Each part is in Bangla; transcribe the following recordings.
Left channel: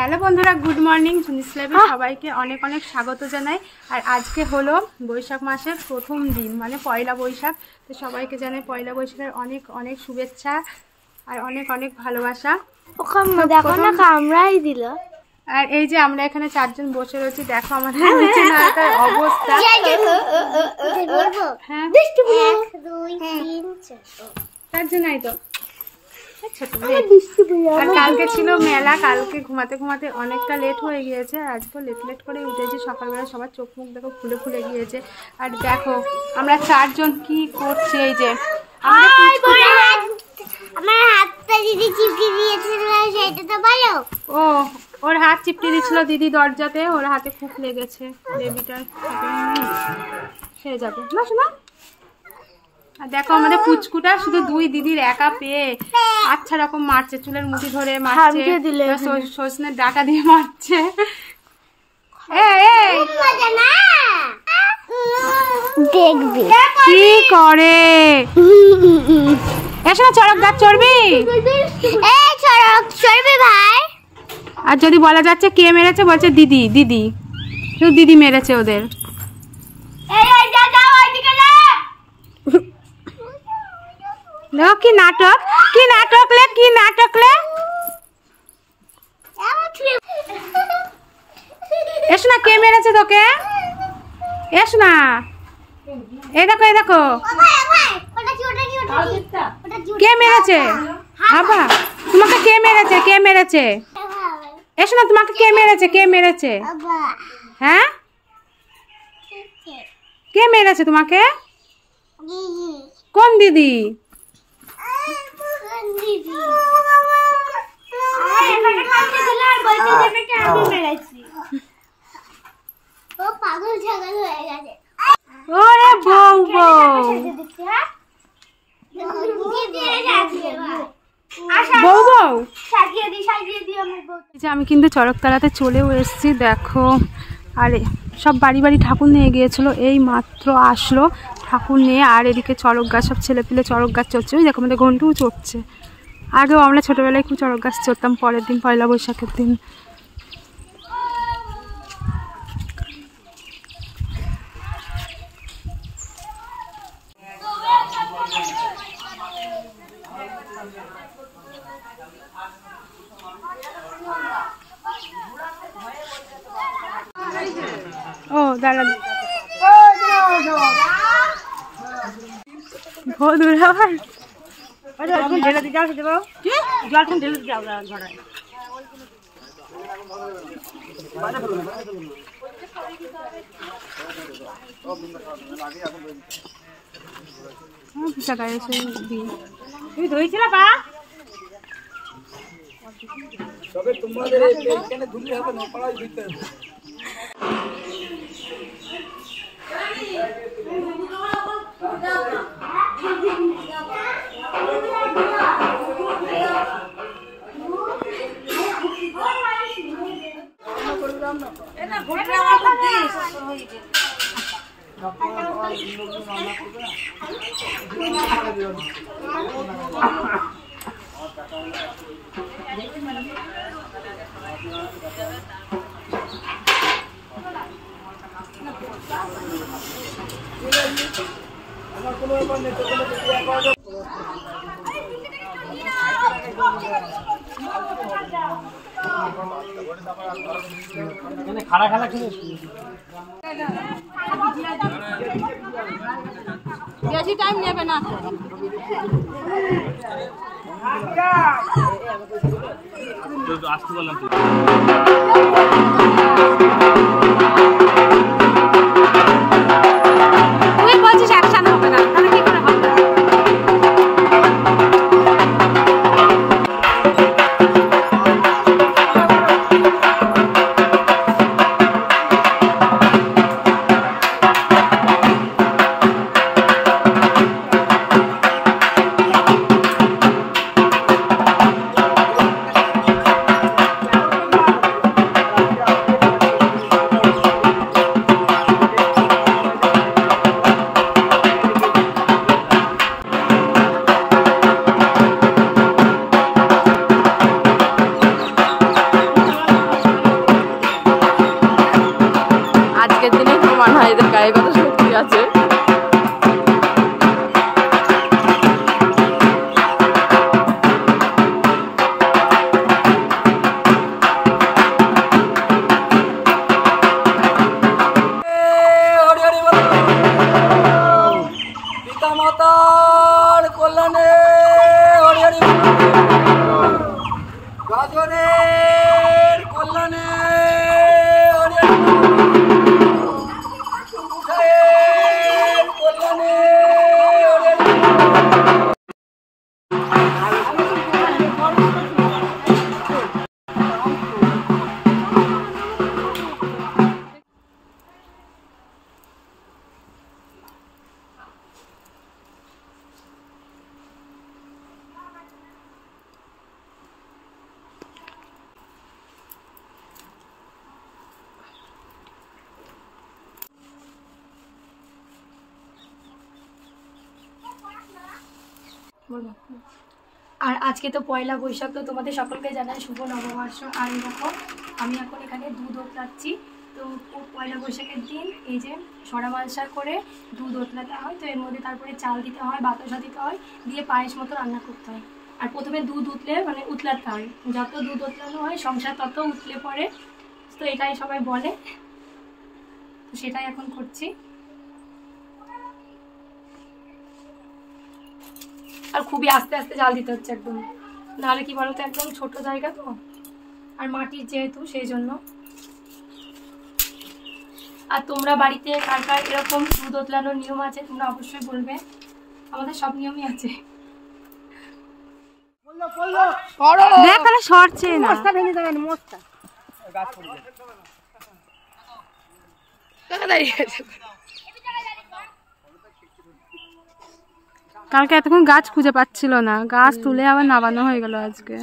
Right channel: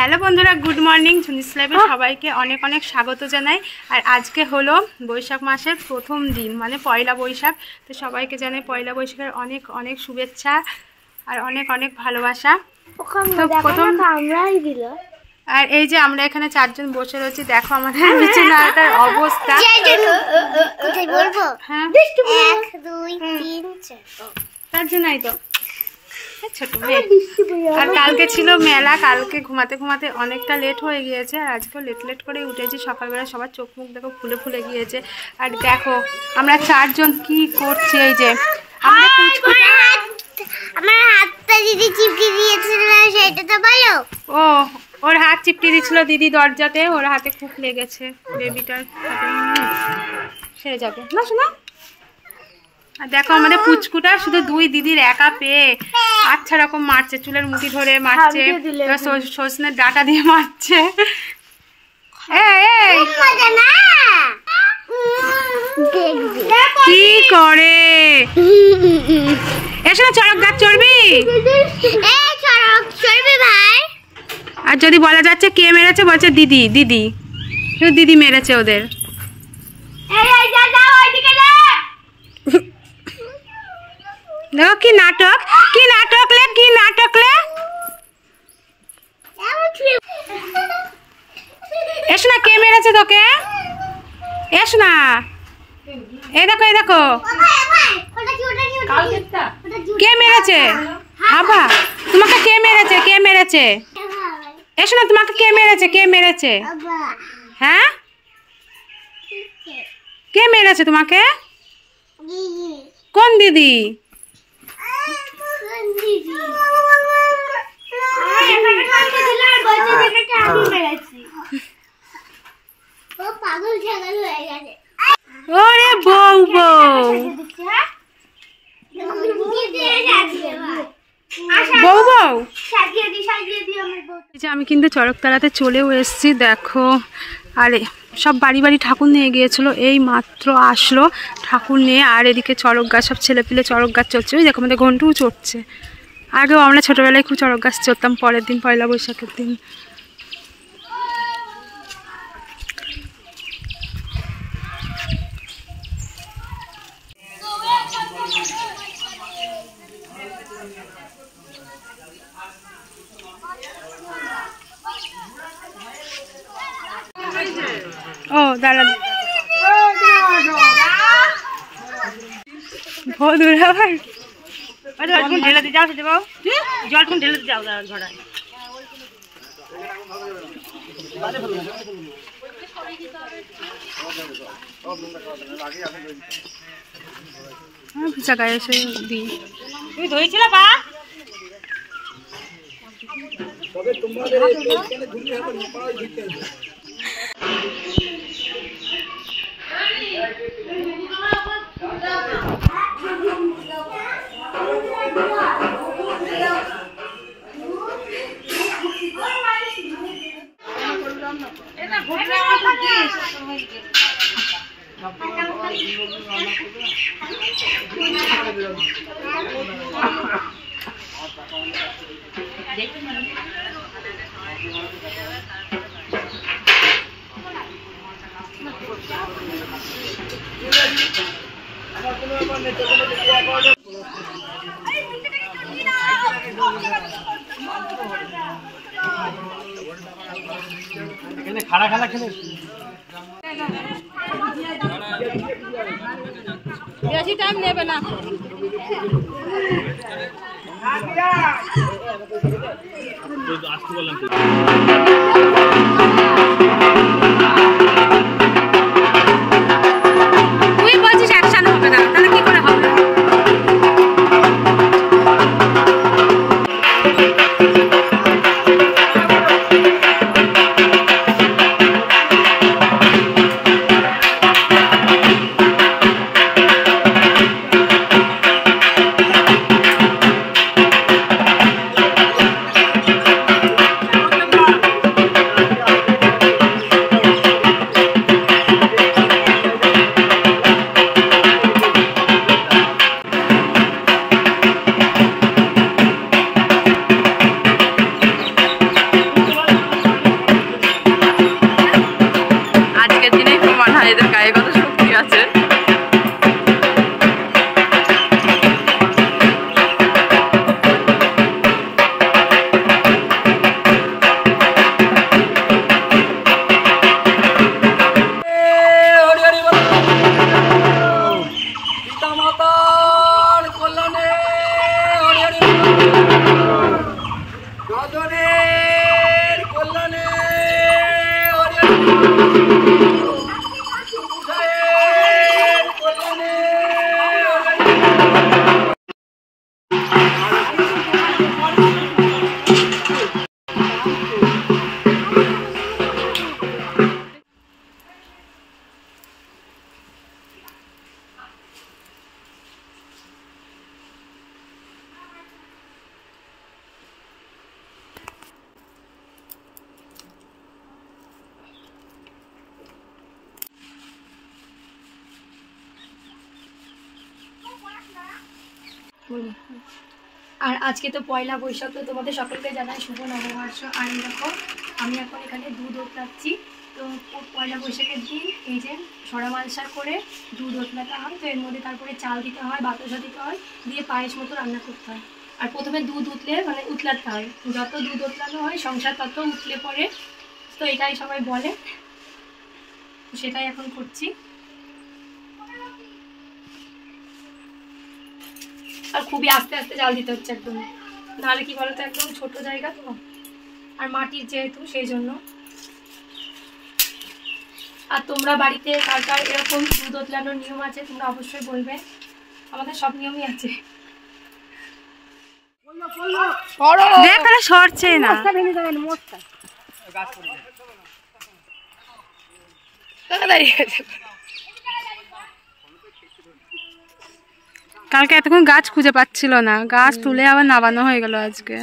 হ্যালো বন্ধুরা, গুড মর্নিং। ঝুনিস লাইভে সবাইকে অনেক অনেক স্বাগত জানাই। আর আজকে হলো বৈশাখ মাসের প্রথম দিন, মানে পয়লা বৈশাখ। তো সবাইকে জানাই পয়লা বৈশাখের অনেক অনেক শুভেচ্ছা আর অনেক অনেক ভালোবাসা। আমরাই দিল। আর এই যে আমরা এখানে চারজন বসে রয়েছি, দেখো আমাদের বিছানাটার অবস্থা। হ্যাঁ, 1 2 3 4 তার জন্যই তো ছোট মেয়ে। আর কালকে ছিল মেলা, কালকে ঘুমাতে ঘুমাতে অনেকটা লেট হয়ে গিয়েছে। আর আজকেও লেট করে উঠেছি। সকালবেলা সবার চোখ মুখ দেখো ফুলে ফুলে গিয়েছে। আর দেখো আমরা চারজন কি করছি। এই যে আমার হাতটা দিদি চিপটি দিয়েছিল, সেটা তো ভালো। ও, ওর হাত চিপটি দিচ্ছিল দিদি দরজাতে, ওর হাতে খুব লেগেছে। বেবিটার হাতে সেরে যাবে না শোনা। আর দেখো আমাদের পুচকুটা শুধু দুই দিদির একা পেয়ে আচ্ছা রকম মারছে, চুলের মুঠি ধরে মারছে, সজনের ডাটা দিয়ে মারছে। কি করে এসো না, চড়ক গাছ চড়বি? আর যদি বলা যাচ্ছে কে মেরেছে, বলছে দিদি। দিদি দিদি মেরেছে ওদের। দেখো কি নাটক, কি নাটক লে, কি নাটক লে। এসো না, কে মেরেছে তোকে? এসো না, এই দেখো এই দেখো কে মেরেছে। বাবা তোমাকে কে মেরেছে, কে মেরেছে? এসো না, তোমাকে কে মেরেছে, কে মেরেছে? হ্যাঁ, কে মেরেছে তোমাকে? কোন দিদি? ওরে বউ বউ বউ বউ। আমি কিন্তু চড়কতলাতে চলেও এসেছি, দেখো। আর সব বাড়ি বাড়ি ঠাকুর নিয়ে গিয়েছিল, এই মাত্র আসলো ঠাকুর নিয়ে। আর এদিকে চড়ক গাছ, সব ছেলেপিলে চড়ক গাছ চড়ছে। ওই দেখো আমাদের ঘন্টুও চড়ছে। আগেও আমরা ছোটোবেলায় খুব চড়ক গাছ চড়তাম, পরের দিন পয়লা বৈশাখের দিন। ও দাঁড়া, ভোদুর আবার জল ঢেলে দিয়ে যাও, জল ঢেলে দিয়ে যাও ঘরে। ভিজা গায়ে এসে দিই। তুমি ধরেছিল পা? খাড়া খাড়া খেলে বেশি টাইম নেবে না। আসতে বললাম তুই বলছিস অ্যাকশন হবে না, তাহলে কি করে হবে? আর আজকে তো পয়লা বৈশাখ, তো তোমাদের সকলকে জানাই শুভ নববর্ষ। আর এই দেখো আমি এখন এখানে দুধ ওতলাচ্ছি। তো পয়লা বৈশাখের দিন এই যে সরা মালসা করে দুধ ওতলাতে হয়। তো এর মধ্যে তারপরে চাল দিতে হয়, বাতাসা দিতে হয়, দিয়ে পায়েস মতো রান্না করতে হয়। আর প্রথমে দুধ উতলে মানে উতলাতে হয়, যত দুধ উতলানো হয় সংসার তত উতলে পড়ে। তো এটাই সবাই বলে, সেটাই এখন করছি। আর খুবই আস্তে আস্তে জাল দিতে হচ্ছে একদম, নাহলে কি বলতো একদম ছোট জায়গা তো, আর মাটির যেহেতু সেই জন্য। আর তোমরা বাড়িতে কার কার এরকম দুধ ওতলানোর নিয়ম আছে তোমরা অবশ্যই বলবে। আমাদের সব নিয়মই আছে। দেখ আর সরছে না। কালকে এতক্ষণ গাছ খুঁজে পাচ্ছিল না, গাছ তুলে আবার নামানো হয়ে গেল আজকে।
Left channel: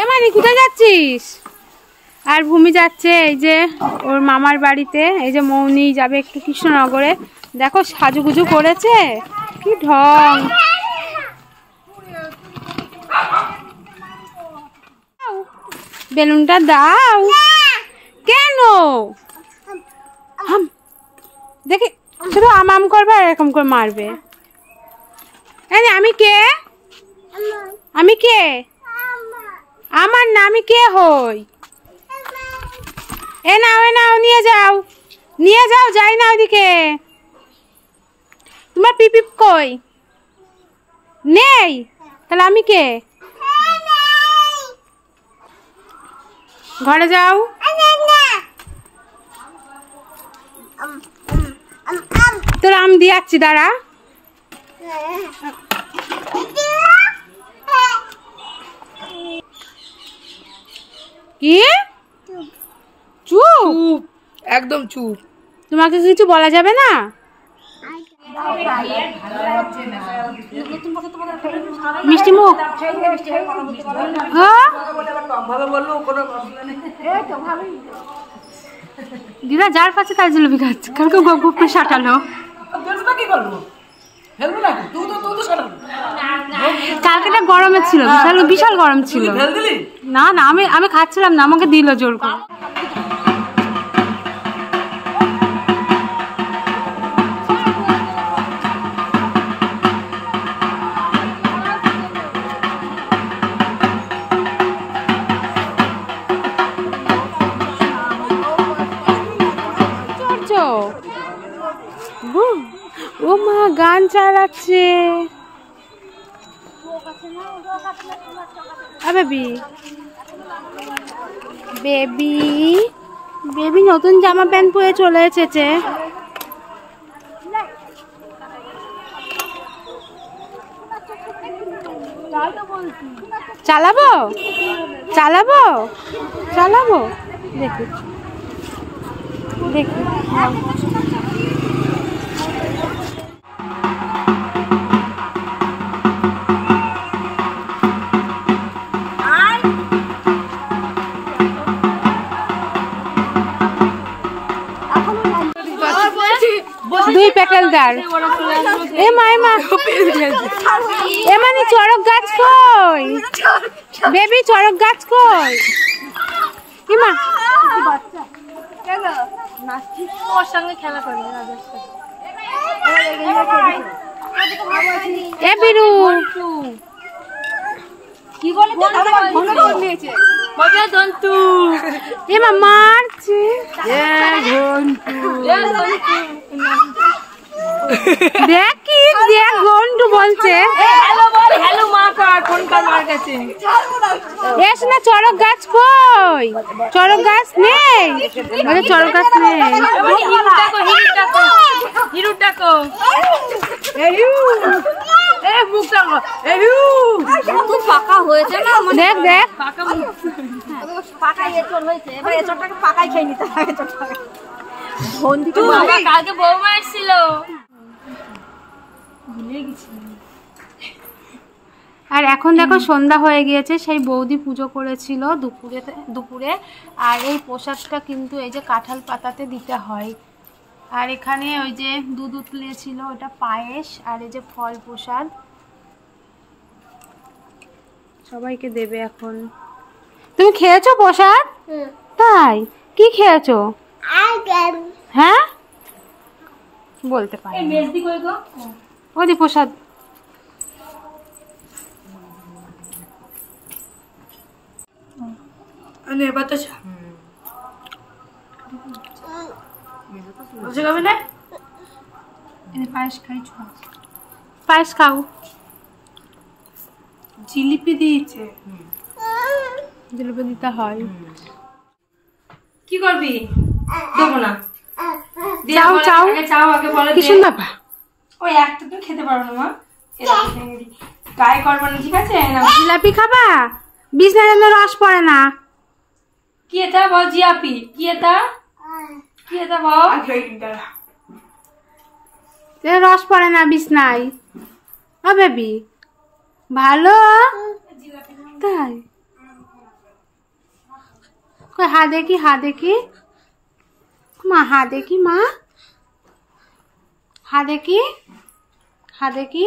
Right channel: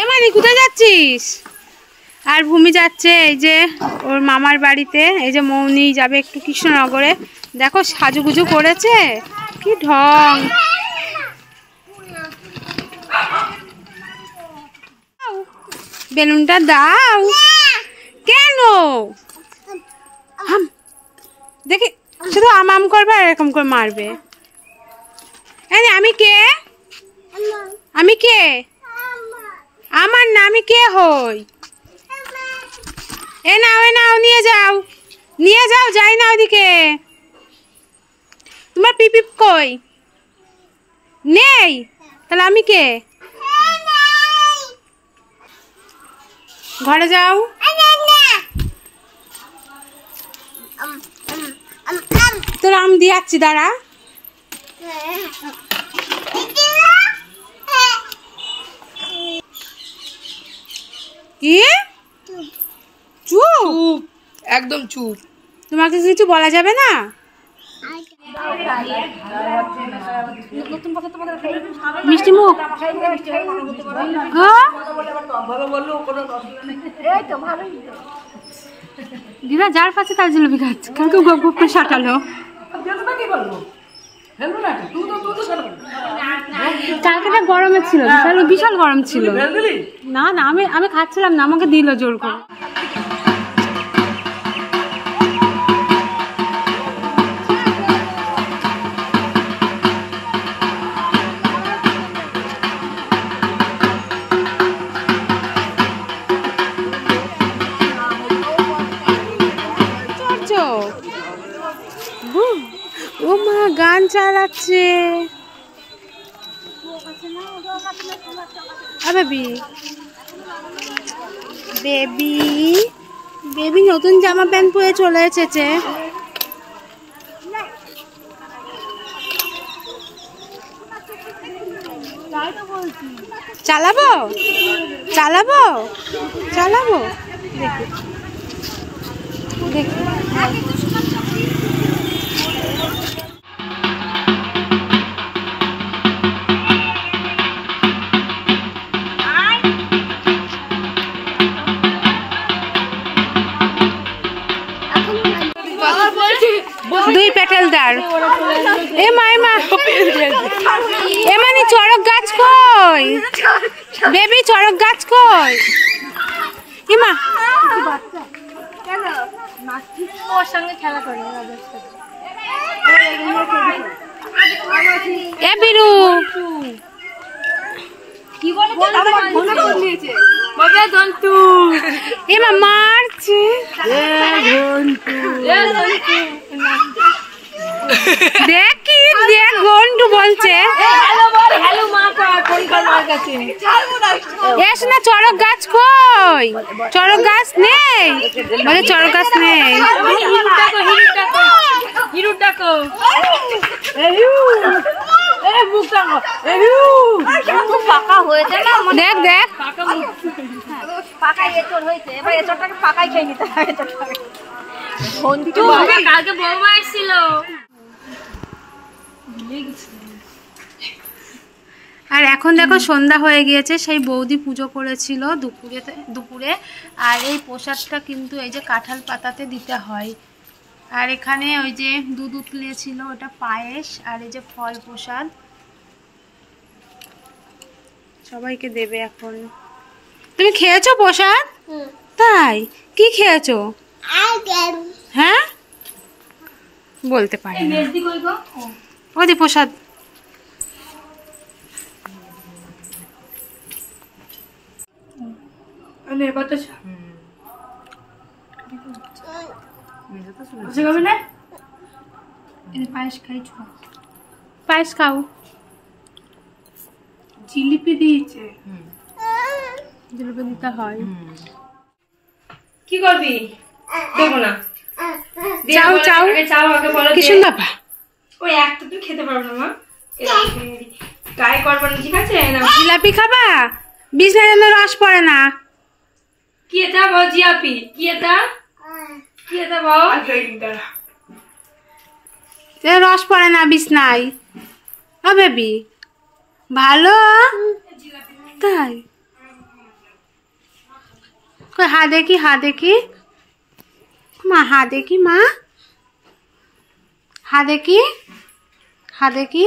এমানি কোথায় যাচ্ছিস? আর ভূমি যাচ্ছে এই যে ওর মামার বাড়িতে। এই যে মৌনি যাবে একটু কৃষ্ণনগরে। দেখো সাজুগুজু করেছে, কি ঢং। বেলুনটা দাও। কেন? দেখি শুধু আম করবে আর এরকম করে মারবে। আমি কে? আমি কে? আমার না, আমি কে হই? এ নাও নিয়ে যাও, নিয়ে যাও, যাই না ওদিকে। তোমার পিপিপ কই? নেই? তাহলে আমি কে? ঘরে যাও। তোর আম দিয়ে যাচ্ছি, দাঁড়া। কি? চুপ, একদম চুপ। তোমাকে কিছু বলা যাবে না। মিষ্টি মুখ। দিদা যার পাচ্ছে তার জিলিপি খাচ্ছে, কালকে গপ গপ করে সাটালো। কালকে তো গরমে ছিল, বিশাল গরম ছিল। না না, আমি খাচ্ছিলাম না, আমাকে দিল জোর করে। ও মা গান চালাচ্ছে। বেবি নতুন জামা প্যান্ট পরে চলে এসেছে। চালাবো দেখি দুই পেটেলদার। এ মা এমানি চড়ক গাছ কই? বেবি চড়ক গাছ কই? ইমা ওর সঙ্গে খেলা করে। এ বিরু কি বলে এমা মারছে। দেখ ঘন্টু বলছে এস না, চড়ক গাছ কই? চড়ক গাছ নেই, বলে চড়ক গাছ নেই। দেখ কালকে বৌমা এসেছিল। আর এখন দেখো সন্ধ্যা হয়ে গিয়েছে, সেই বৌদি পুজো করেছিল দুপুরে। আর এই প্রসাদটা কিন্তু এই যে কাঁঠাল পাতাতে দিতে হয়। আর এখানে ওই যে দুধ উতলিয়েছিল, ওটা পায়েস, আর এই যে ফল প্রসাদ সবাইকে দেবে এখন। তুমি খেয়েছো প্রসাদ? তাই কি খেয়েছো? হ্যাঁ বলতে পারি না। ওদি প্রসাদ পায়েস খাই, পায়েস খাও। জিলিপি দিয়েছে, জিলিপি দিতে হয়। কি করবি? দেবো না। চাও চাও চাও আগে বলো। কি সুন্দর ব্যাপার। ওই একটা তো খেতে পারবো না মা, গায়ে করবো না, ঠিক আছে? জিলাপি খাবা? বিছনা যেন রস পড়ে না। কি এটা বল জিলাপি? কি এটা? কি এটা বল? রস পড়ে না বিছনায়। ও বেবি ভালো তাই? কই হা দেখি, হা দেখি মা, হা দেখি মা, হা দেখি, হা দেখি।